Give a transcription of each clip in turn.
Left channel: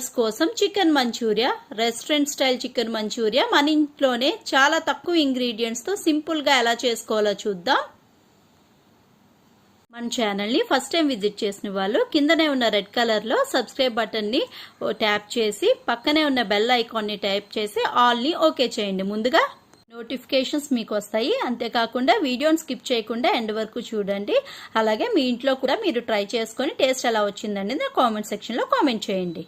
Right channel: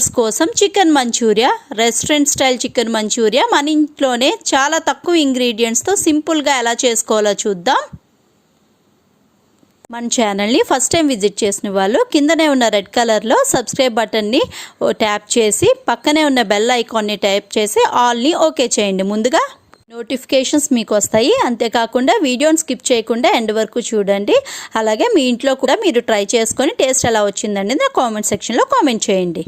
Lovers కోసం chicken Manchurian, restaurant style chicken Manchurian మన ఇంట్లోనే చాలా తక్కువ ఇంగ్రీడియంట్స్తో సింపుల్గా ఎలా చేసుకోవాలో చూద్దాం. మన ఛానల్ని ఫస్ట్ టైం విజిట్ చేసిన వాళ్ళు కిందనే ఉన్న రెడ్ కలర్లో సబ్స్క్రైబ్ బటన్ని ట్యాప్ చేసి పక్కనే ఉన్న బెల్ ఐకాన్ని ట్యాప్ చేసి ఆల్ని ఓకే చేయండి. ముందుగా నోటిఫికేషన్స్ మీకు వస్తాయి. అంతేకాకుండా వీడియోని స్కిప్ చేయకుండా ఎండ్ వరకు చూడండి. అలాగే మీ ఇంట్లో కూడా మీరు ట్రై చేసుకొని టేస్ట్ ఎలా వచ్చిందండి నా కామెంట్ సెక్షన్లో కామెంట్ చేయండి.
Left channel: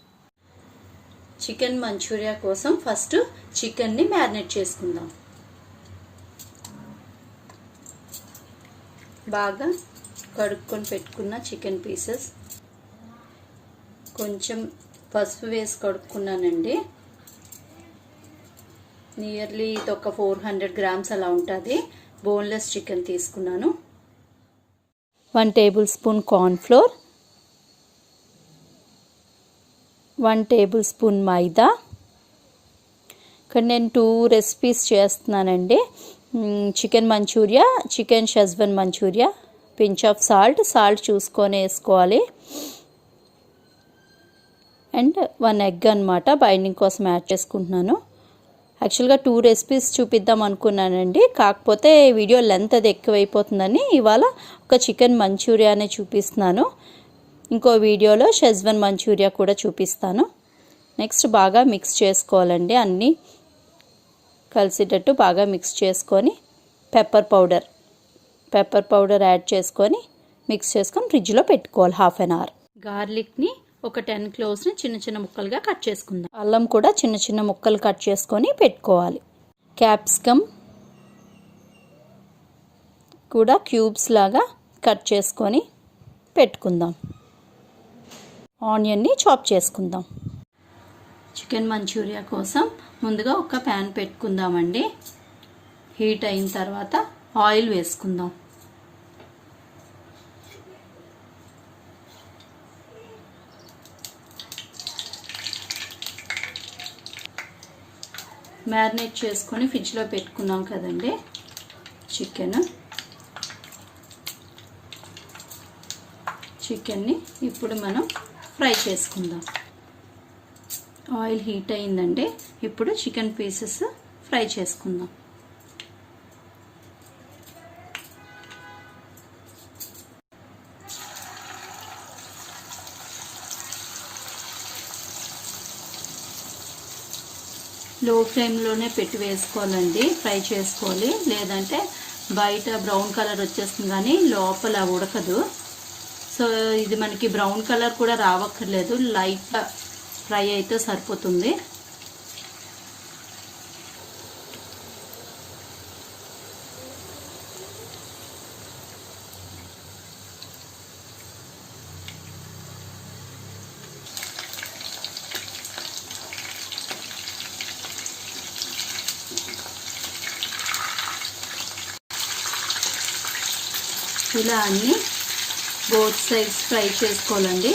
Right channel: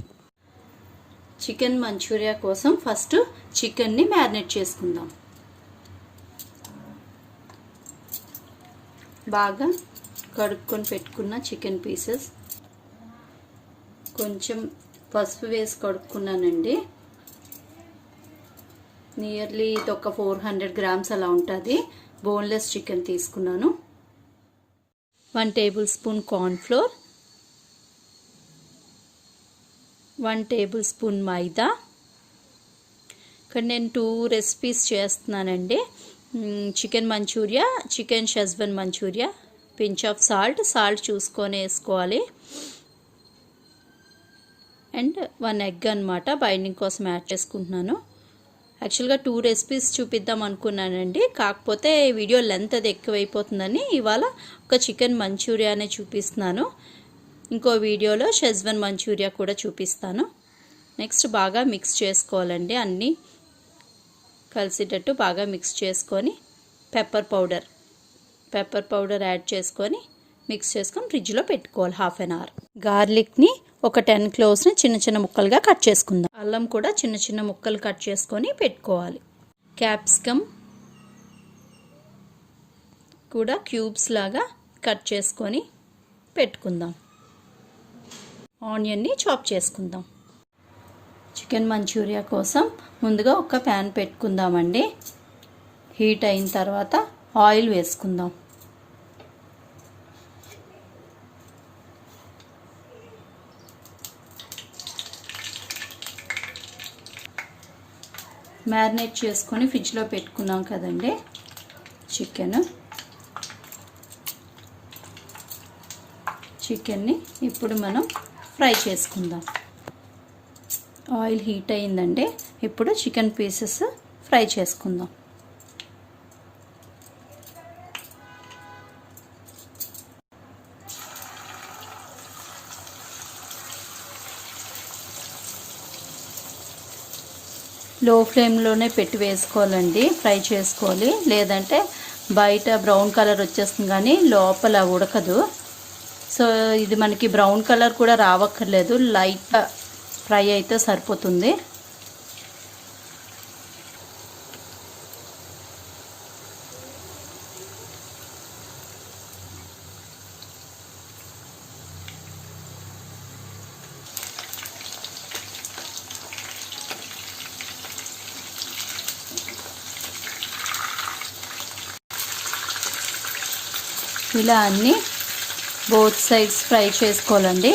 చికెన్ మంచూరియా కోసం ఫస్ట్ చికెన్ని మ్యారినేట్ చేసుకుందాం. బాగా కడుక్కొని పెట్టుకున్న చికెన్ పీసెస్ కొంచెం పసుపు వేసి కడుక్కున్నానండి. నియర్లీ ఇది ఒక 400 గ్రామ్స్ అలా ఉంటుంది. బోన్లెస్ చికెన్ తీసుకున్నాను. 1 tablespoon cornflour, 1 tablespoon maida. ఇక్కడ నేను 2 రెసిపీస్ చేస్తున్నానండి. Chicken manchurian, chicken schezwan manchurian. Pinch of salt చూసుకొని వేసుకోవాలి. అండ్ 1 ఎగ్ అనమాట బైండింగ్ కోసం యాడ్ చేసుకుంటున్నాను. యాక్చువల్గా 2 రెసిపీస్ చూపిద్దాం అనుకున్నానండి, కాకపోతే వీడియో లెంత్ అది ఎక్కువైపోతుందని ఇవాళ ఒక చికెన్ మంచూరియానే చూపిస్తున్నాను. ఇంకో వీడియోలో షెజ్వాన్ మంచూరియా కూడా చూపిస్తాను. నెక్స్ట్ బాగా మిక్స్ చేసుకోవాలండి. అన్నీ కలిసేటట్టు బాగా మిక్స్ చేసుకొని పెప్పర్ పౌడర్ యాడ్ చేసుకొని మిక్స్ చేసుకొని ఫ్రిడ్జ్లో పెట్టుకోవాలి 1/2 అవర్. గార్లిక్ని ఒక 10 క్లోవ్స్ని చిన్న చిన్న ముక్కలుగా కట్ చేసుకుందాం. అల్లం కూడా చిన్న చిన్న ముక్కలు కట్ చేసుకొని పెట్టుకోవాలి. క్యాప్సికమ్ కూడా క్యూబ్స్ లాగా కట్ చేసుకొని పెట్టుకుందాం. ఆనియన్ని చాప్ చేసుకుందాం. చికెన్ మంచూరియా కోసం ముందుగా ఒక ప్యాన్ పెట్టుకుందామండి. హీట్ అయిన తర్వాత ఆయిల్ వేసుకుందాం. మ్యారినేట్ చేసుకొని ఫ్రిడ్జ్లో పెట్టుకున్నాం కదండి చికెన్ని ఇప్పుడు మనం ఫ్రై చేసుకుందాం. ఆయిల్ హీట్ అయిందండి. ఇప్పుడు చికెన్ పీసెస్ ఫ్రై చేసుకుందాం. లో ఫ్లేమ్లోనే పెట్టి వేసుకోవాలండి, ఫ్రై చేసుకోవాలి. లేదంటే బయట బ్రౌన్ కలర్ వచ్చేస్తుంది కానీ లోపల ఉడకదు. సో ఇది మనకి బ్రౌన్ కలర్ కూడా రావక్కర్లేదు, లైట్గా ఫ్రై అయితే సరిపోతుంది. ఇలా అన్నీ బోత్ సైడ్స్ ఫ్రై చేసుకోవాలండి.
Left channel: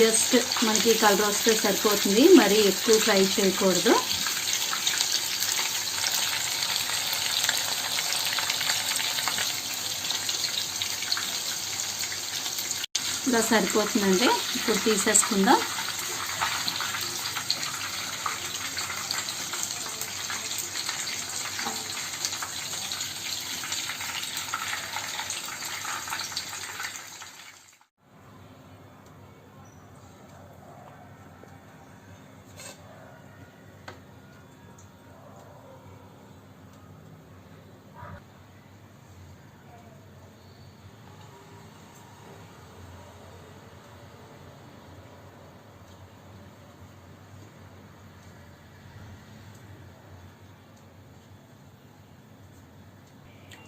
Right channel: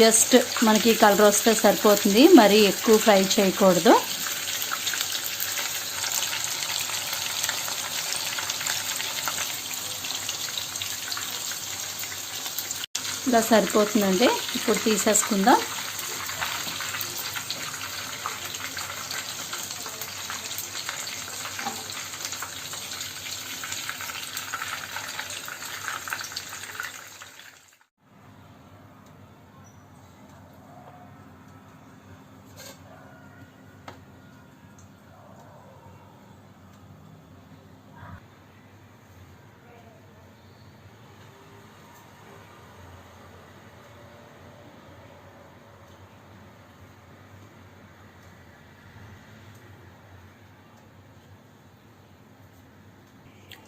జస్ట్ మనకి కలర్ వస్తే సరిపోతుంది, మరీ ఎక్కువ ఫ్రై చేయకూడదు. ఇలా సరిపోతుందండి. ఇప్పుడు తీసేసుకుందాం.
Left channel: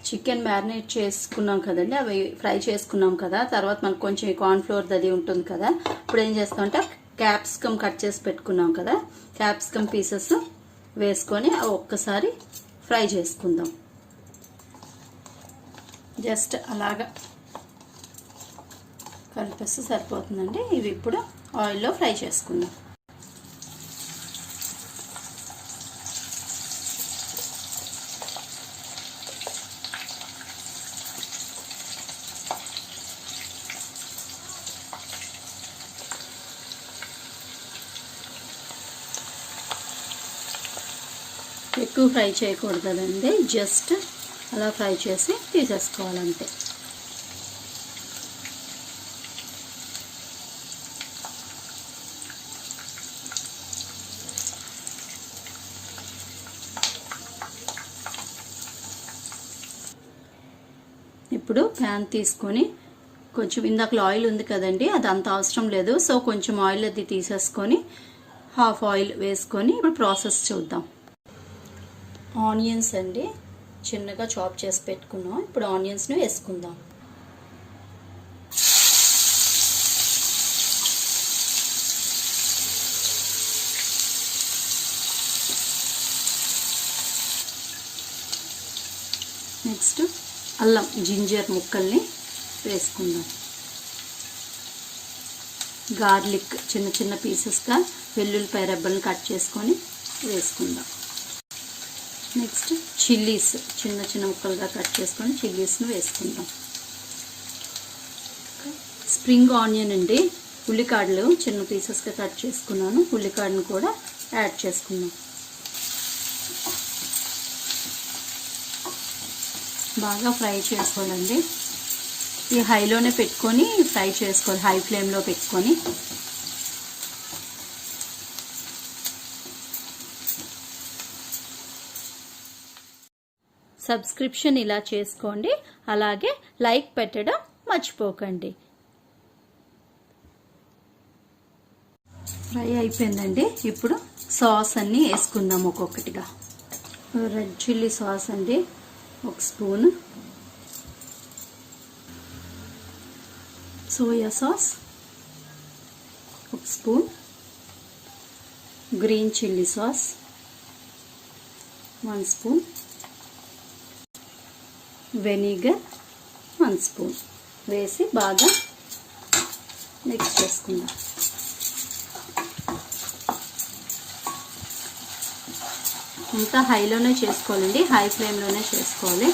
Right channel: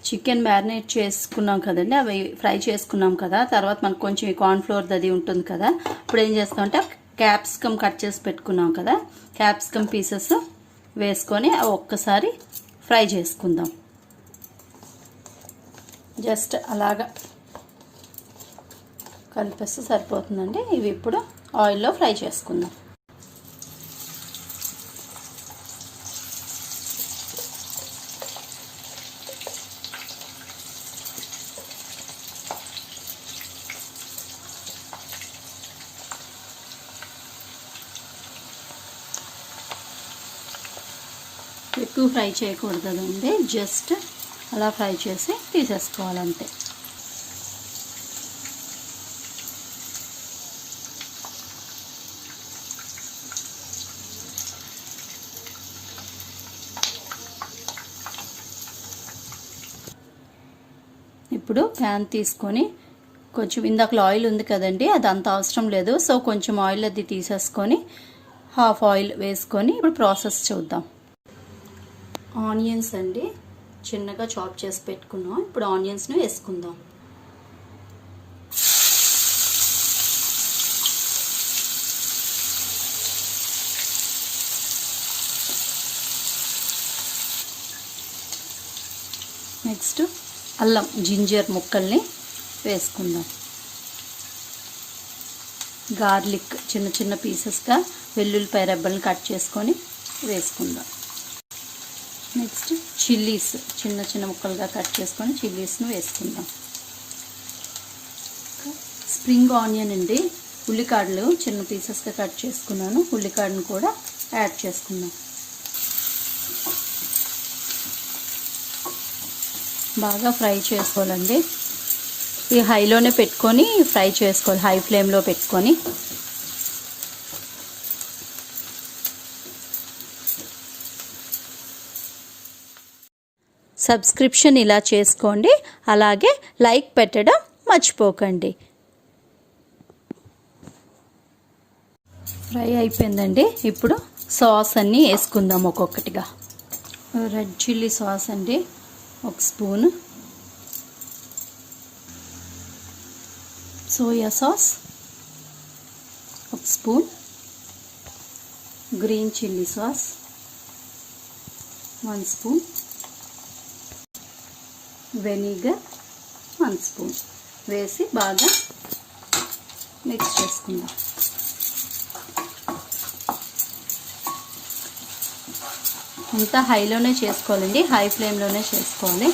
చికెన్ మ్యారినేట్ చేసుకున్నాం కదండి, అవి ఫ్రై చేసుకున్నాం కదా. తర్వాత మనకు కొంచెం కార్న్ఫ్లోర్ అది ఉంటుంది కదా. ఇప్పుడు ఏం చేస్తామంటే క్యాప్సికమ్ కట్ చేసి పెట్టుకున్నాం కదా, క్యాప్సికమ్ పీసెస్ వేసుకొని ఒక్కసారి ఫ్రై చేసుకుందాం. జస్ట్ అలాగా కలిపేస్తే సరిపోతుందండి. ఇవి ఇప్పుడు ఆయిల్లో ఫ్రై చేసుకుందాం. ఎక్కువ ఫ్రై చేయకూడదండి, జస్ట్ అలా ఫ్రై చేసి తీసేసుకోవాలంతే. ఇప్పుడు ప్యాన్ తీసుకొని కొంచెం ఇందాకలో ఆయిల్ ఉంది కదండి, అది అంత అవసరం లేదు. సో కొంచెం ఆయిల్ అది తీసేసుకొని హాఫ్ ఆయిల్ వేసుకొని ఇప్పుడు ప్రాసెస్ చూద్దాం. ఆనియన్స్ అండి చిన్నగా చాప్ చేసి పెట్టుకున్నాం. ఇప్పుడు ఆనియన్స్ను వేసుకుందాం. నెక్స్ట్ అల్లం జింజర్ ముక్కల్ని వేసుకుందాం. గార్లిక్ చిన్న చిన్న పీసెస్గా వెల్లుల్లిపాయ రెబ్బలను కట్ చేసుకొని వేసుకుందాం. నెక్స్ట్ చిల్లీస్ చిన్న చిన్న ముక్కలుగా కట్ చేసుకొని చిల్లీస్ను వేసుకుందాం. స్ప్రింగ్ ఆనియన్ అండి, ఉల్లికాడలు చిన్న పీసెస్గా కట్ చేసుకున్నాను. ఉల్లికాడను కూడా యాడ్ చేసుకుందాం. బాగా ఫ్రై చేసుకోవాలండి. ఈ హైలోనే పెట్టుకొని ఫ్రై చేసుకోవాలి, హై ఫ్లేమ్లో పెట్టుకొని. సబ్స్క్రిప్షన్ ఇలా చేసుకోండి, అలాగే లైక్ పెట్టడం మర్చిపోకండి. ఫ్రై అయిపోయిందండి. ఇప్పుడు సాస్ అన్నీ వేసుకుందాం ఒక్కొక్కటిగా. రెడ్ చిల్లీ సాస్ అండి 1 spoon, soya sauce 1 spoon, green chilli sauce 1 spoon, vinegar 1 spoon వేసి బాగా మిక్స్ చేసుకుందాం. ఇంత హైలోనే చేసుకోవాలండి, హై ఫ్లేమ్లోనే చేసుకోవాలి.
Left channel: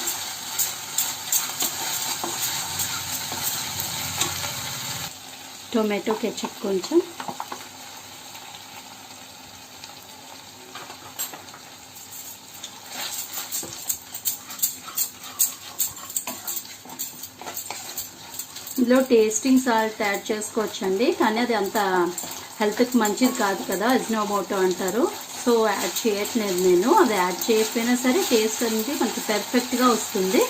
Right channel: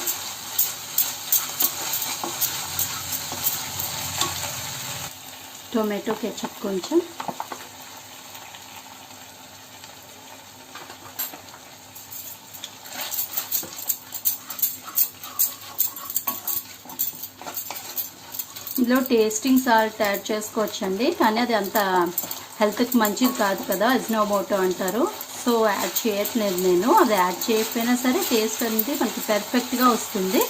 టొమాటో కెచప్ కొంచెం, ఇందులో టేస్టింగ్ సాల్ట్ యాడ్ చేసుకోవచ్చండి, కానీ అది అంత హెల్త్కి మంచిది కాదు కదా, అజినోమోటో అంటారు. సో యాడ్ చేయట్లేదు నేను. అది యాడ్ చేయకపోయినా సరే టేస్ట్ అనేది మనకి పర్ఫెక్ట్గా వస్తుంది.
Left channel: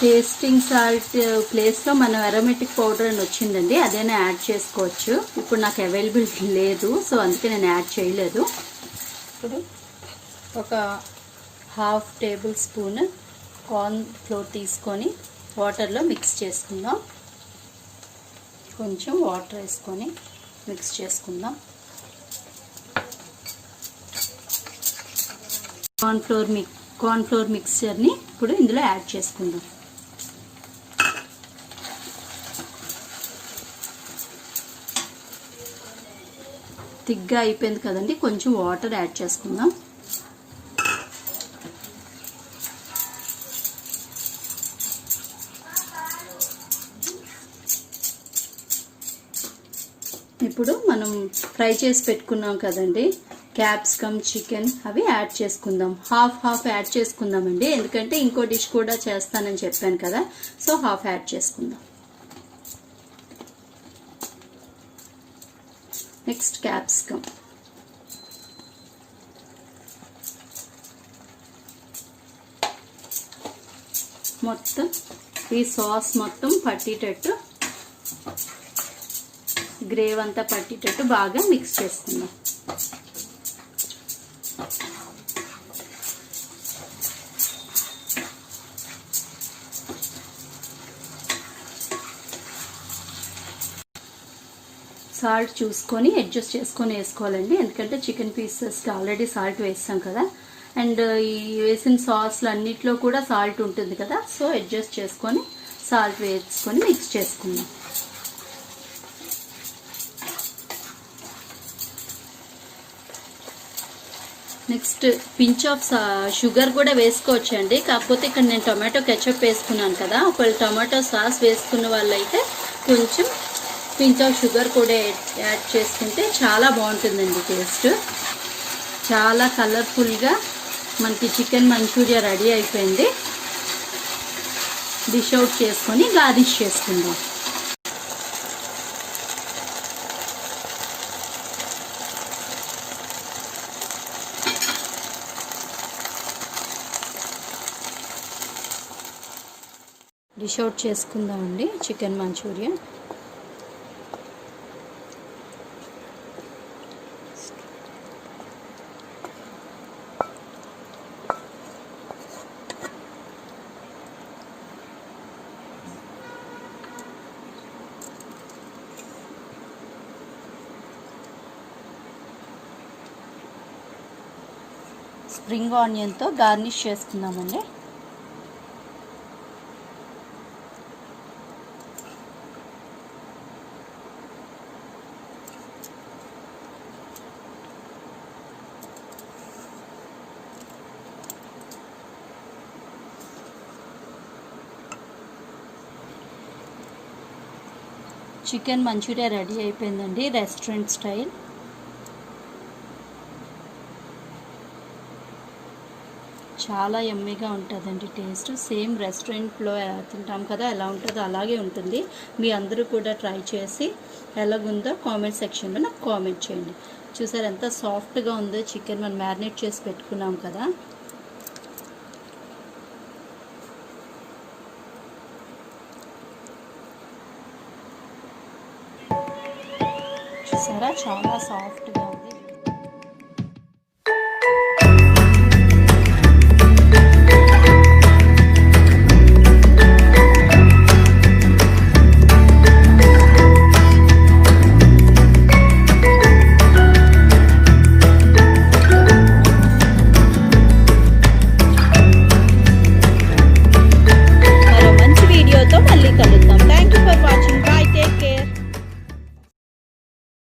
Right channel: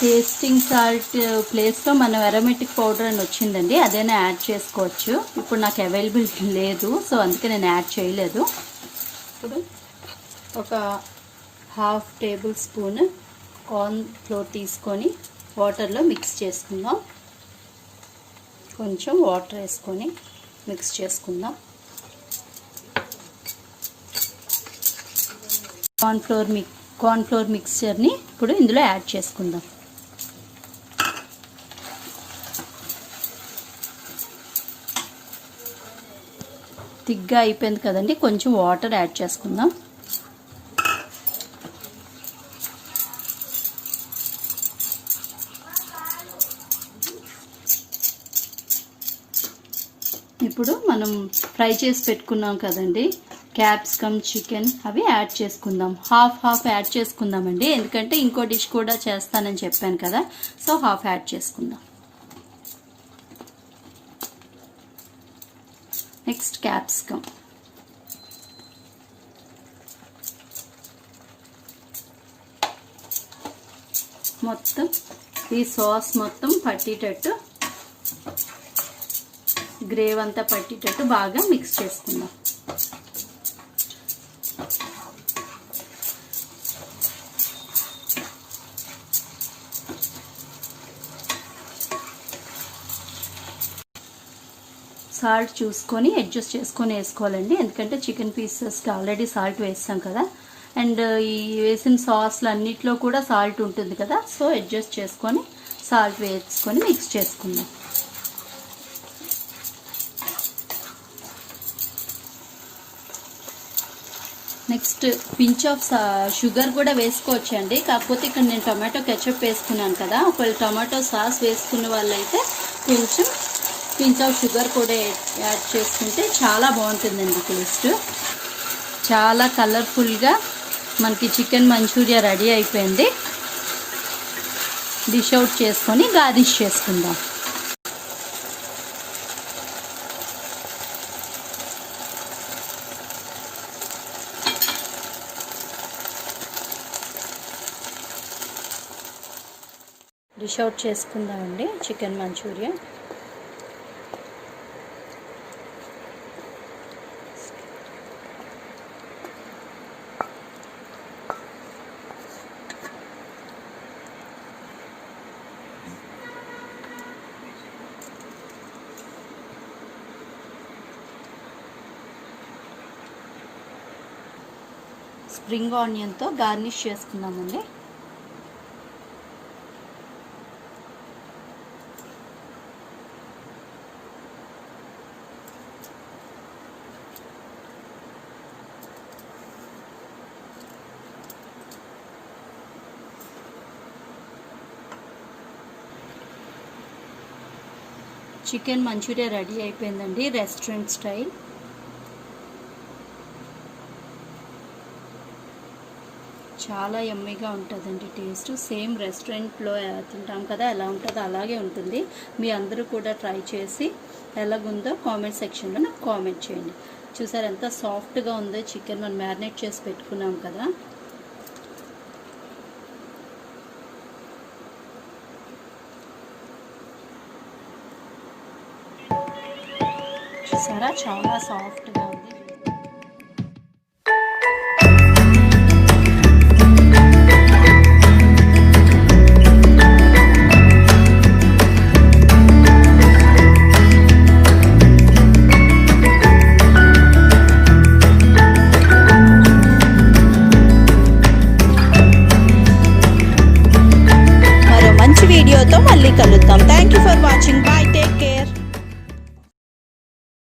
టేస్టింగ్ సాల్ట్ ప్లేస్లో మనం అరోమేటిక్ పౌడర్ అని వచ్చిందండి, అదైనా యాడ్ చేసుకోవచ్చు. ఇప్పుడు నాకు అవైలబిలిటీ లేదు, సో అందుకే నేను యాడ్ చేయలేదు. ఇప్పుడు ఒక half table spoon corn flour తీసుకొని వాటర్లో మిక్స్ చేసుకుందాం. కొంచెం వాటర్ వేసుకొని మిక్స్ చేసుకుందాం. కార్న్ ఫ్లోర్ మిక్స్చర్ని ఇప్పుడు ఇందులో యాడ్ చేసుకుందాం. థిక్గా అయిపోయింది కదండి, కొంచెం వాటర్ యాడ్ చేసుకుందాం. ఇప్పుడు మనం ఫ్రై చేసి పెట్టుకున్నాం కదండి క్యాప్సికమ్, చికెన్, అవి యాడ్ చేసుకుందాం. హాఫ్ యాడ్ చేసుకుందామండి, ఎందుకంటే ఇంకో డిష్ కూడా చేస్తానని చెప్పాను కదా, సో హాఫ్ యాడ్ చేసుకుందాం. నెక్స్ట్ క్యాప్సికమ్, మొత్తం ఈ సాస్ మొత్తం పట్టేటట్టు, గ్రేవ్ అంతా పట్టేటట్టు బాగా మిక్స్ చేసుకుందాం. సాల్ట్ చూసుకొని అడ్జస్ట్ చేసుకొని వేసుకోవాలండి, ఎందుకంటే చికెన్ పీసెస్కి ఆల్రెడీ సాల్ట్ వేస్తాం కదా, అండ్ ఈ వేసిన సాస్లు అన్నిట్లో కూడా సాల్ట్ ఉంటుంది కదా, సో అడ్జస్ట్ చేసుకొని సాల్ట్ వేసుకొని మిక్స్ చేసుకుందాం. నెక్స్ట్ పించ్ ఆఫ్ షుగర్ కూడా వేసుకోవచ్చండి, కాకపోతే ఇక్కడ నేను టొమాటో కెచప్ వేసుకున్నాను కదా, ఒకవేళ టొమాటో సాస్ వేసుకున్న వాళ్ళైతే కొంచెం పించ్ ఆఫ్ షుగర్ కూడా యాడ్ చేసుకుంటే చాలా బాగుంటుందండి టేస్ట్. చాలా కలర్ఫుల్గా మనకి చికెన్ మంచూరియా రెడీ అయిపోయింది. డిష్ అవుట్ చేసుకొని గార్నిష్ చేసుకుందాం. డిష్ అవుట్ చేసుకుందామండి చికెన్ మంచూరియా. స్ప్రింగ్ ఆనియన్తో గార్నిష్ చేసుకుందామండి. చికెన్ మంచూరియా రెడీ అయిపోయిందండి, రెస్టారెంట్ స్టైల్. చాలా యమ్మీగా ఉంటుందండి టేస్ట్. సేమ్ రెస్టారెంట్లో తింటాం కదా ఎలా ఉంటుందో అలాగే ఉంటుంది. మీ అందరూ కూడా ట్రై చేసి ఎలాగుందో కామెంట్ సెక్షన్లో నాకు కామెంట్ చేయండి. చూసారు ఎంత సాఫ్ట్గా ఉందో చికెన్, మనం మ్యారినేట్ చేసి పెట్టుకున్నాం కదా. చూసారా చాలా సాఫ్ట్గా ఉంది.